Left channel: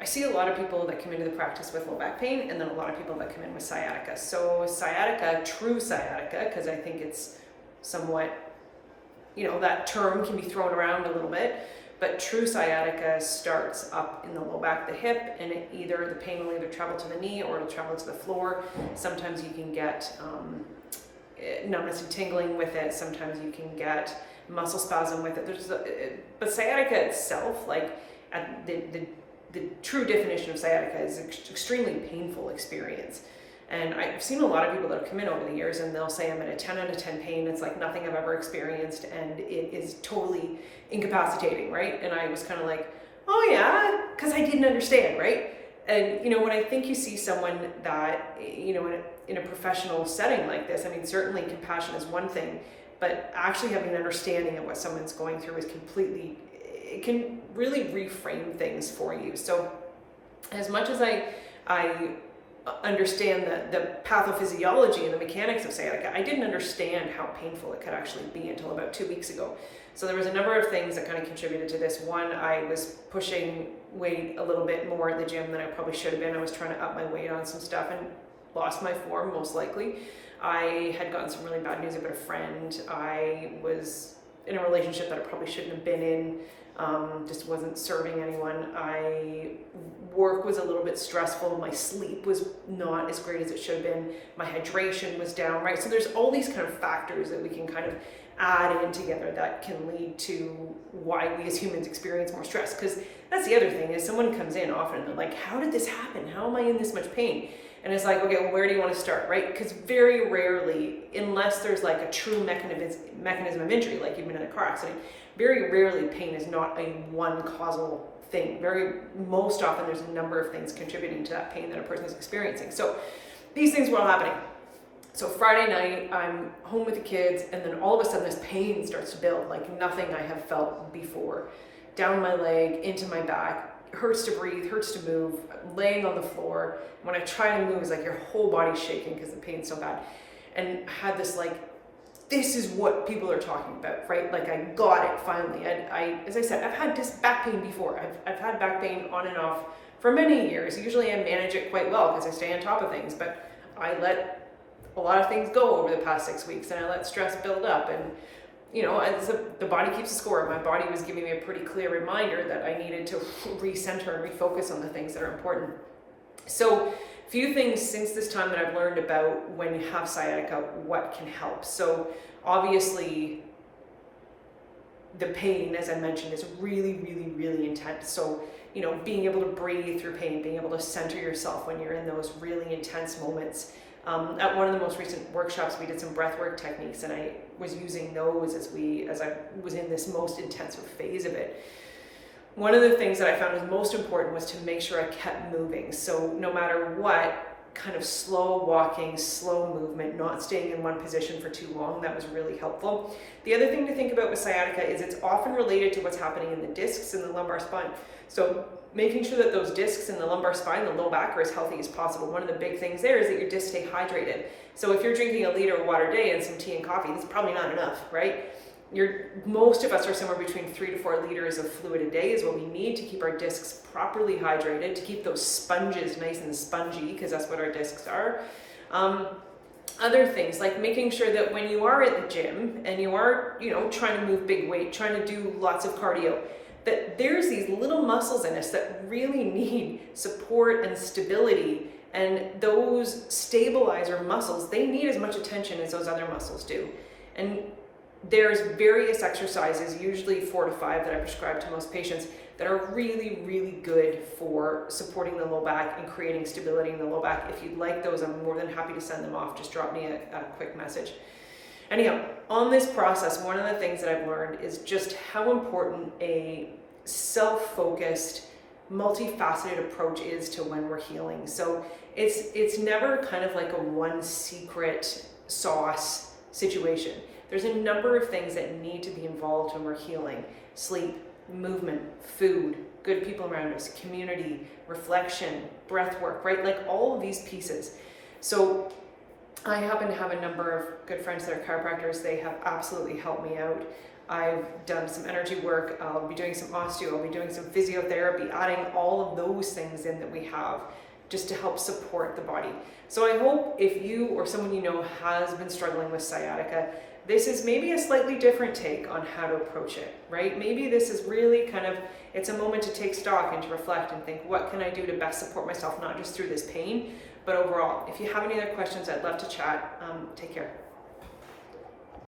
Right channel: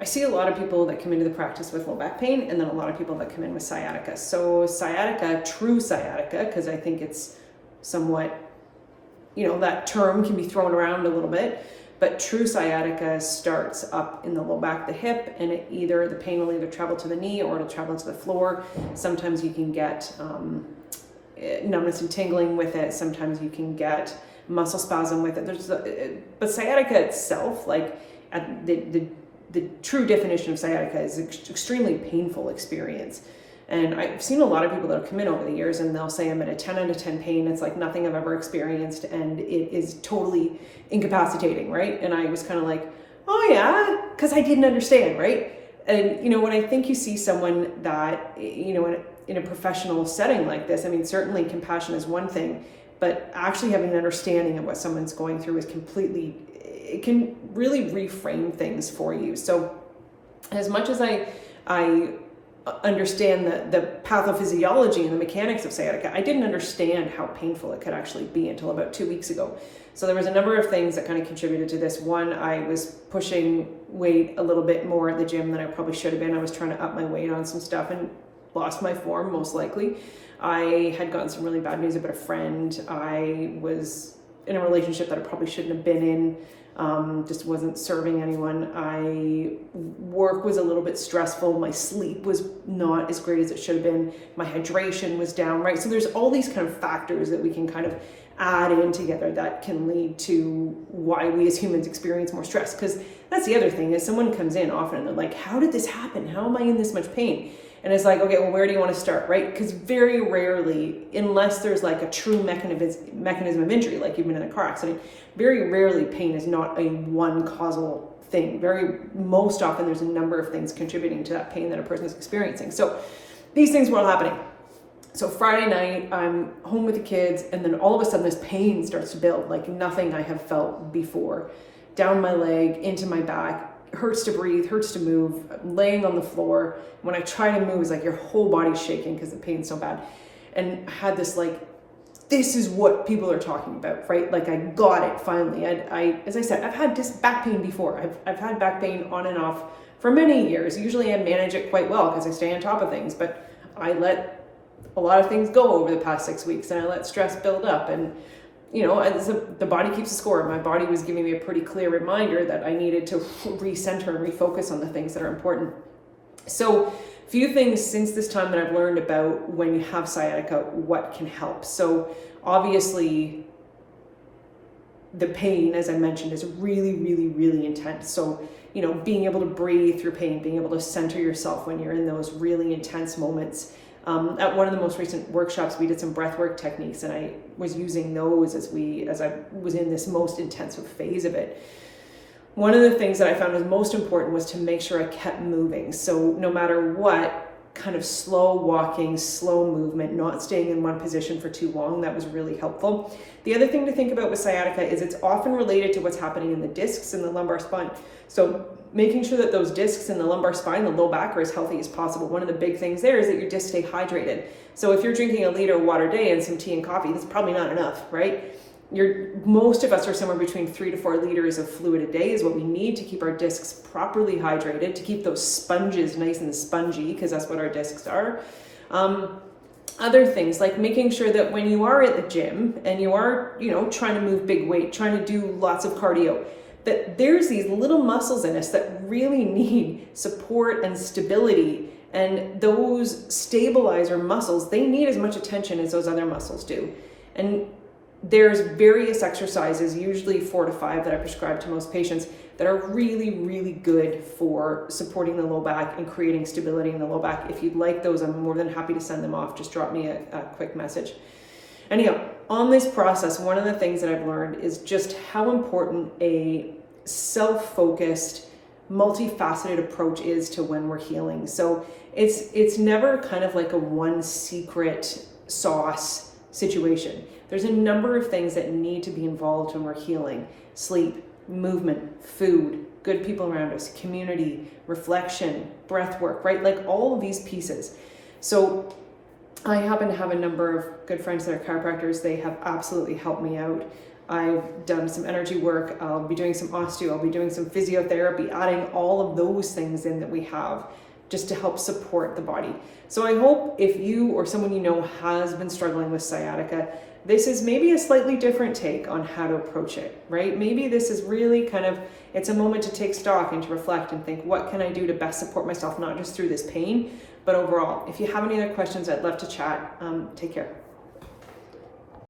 I see a lot of people that come into the practice with low back pain, and then a lot of people that come in with sciatica. So sciatica, true sciatica, because I think it's somewhat, that term can be thrown around a little bit, but true sciatica starts up in the low back, the hip, and the pain will either travel to the knee or it'll travel to the floor. Sometimes you can get numbness and tingling with it. Sometimes you can get muscle spasm with it. But sciatica itself, like the true definition of sciatica is an extremely painful experience. And I've seen a lot of people that have come in over the years and they'll say I'm in a 10 out of 10 pain. It's like nothing I've ever experienced and it is totally incapacitating, right? And I was kind of like, oh yeah, because I didn't understand, right? And when I think you see someone that, in a professional setting like this, I mean, certainly compassion is one thing, but actually having an understanding of what someone's going through it can really reframe things for you. So as much as I understand the pathophysiology and the mechanics of sciatica, I didn't understand how painful it could actually be until about 2 weeks ago. So there was a number of things that kind of contributed to this. One, I was pushing weight a little bit more at the gym than I probably should have been. I was trying to up my weight on some stuff and lost my form, most likely. I had gotten some really bad news about a friend. I was in a relationship that I probably shouldn't have been in. Just wasn't serving anyone. Work was a little bit stressful. My sleep was not as great as it should have been. My hydration was down, right? So there's all these kind of factors that we can kind of add in together that can lead to why we as humans experience more stress. Because that's the other thing is someone comes in often and they're like, how did this happen? How am I in this much pain? And it's like, okay, well, where do you want to start, right? Because very rarely, unless there's like a true mechanism of injury, like you've been in a car accident, very rarely pain is not a one causal thing. Most often there's a number of things contributing to that pain that a person is experiencing. So these things were all happening. So Friday night, I'm home with the kids, and then all of a sudden this pain starts to build like nothing I have felt before. Down my leg, into my back, hurts to breathe, hurts to move, I'm laying on the floor. When I try to move, it's like your whole body's shaking because the pain's so bad. And I had this like, this is what people are talking about, right? Like I got it finally. As I said, I've had this back pain before. I've had back pain on and off for many years. Usually I manage it quite well because I stay on top of things, but I let a lot of things go over the past 6 weeks and I let stress build up. And the body keeps a score. My body was giving me a pretty clear reminder that I needed to recenter and refocus on the things that are important. So a few things since this time that I've learned about when you have sciatica, what can help. So obviously the pain, as I mentioned, is really, really, really intense. So, being able to breathe through pain, being able to center yourself when you're in those really intense moments. At one of the most recent workshops, we did some breathwork techniques and I was using those as I was in this most intensive phase of it. One of the things that I found was most important was to make sure I kept moving. So no matter what, kind of slow walking, slow movement, not staying in one position for too long, that was really helpful. The other thing to think about with sciatica is it's often related to what's happening in the discs in the lumbar spine. So making sure that those discs in the lumbar spine, the low back, are as healthy as possible. One of the big things there is that your discs stay hydrated. So if you're drinking a liter of water a day and some tea and coffee, that's probably not enough, right? Most of us are somewhere between 3 to 4 liters of fluid a day is what we need to keep our discs properly hydrated, to keep those sponges nice and spongy, because that's what our discs are. Other things like making sure that when you are at the gym and you are, trying to move big weight, trying to do lots of cardio, that there's these little muscles in us that really need support and stability. And those stabilizer muscles, they need as much attention as those other muscles do. And there's various exercises, usually 4 to 5 that I prescribe to most patients, that are really, really good for supporting the low back and creating stability in the low back. If you'd like those, I'm more than happy to send them off. Just drop me a quick message. Anyhow, on this process, one of the things that I've learned is just how important a self-focused, multifaceted approach is to when we're healing. So it's never kind of like a one secret sauce situation. There's a number of things that need to be involved when we're healing. Sleep, movement, food, good people around us, community, reflection, breath work, right? Like all of these pieces. So I happen to have a number of good friends that are chiropractors. They have absolutely helped me out. I've done some energy work. I'll be doing some osteo. I'll be doing some physiotherapy, adding all of those things in that we have just to help support the body. So I hope if you or someone you know has been struggling with sciatica, this is maybe a slightly different take on how to approach it, right? Maybe this is really kind of, it's a moment to take stock and to reflect and think, what can I do to best support myself, not just through this pain, but overall. If you have any other questions, I'd love to chat. Take care.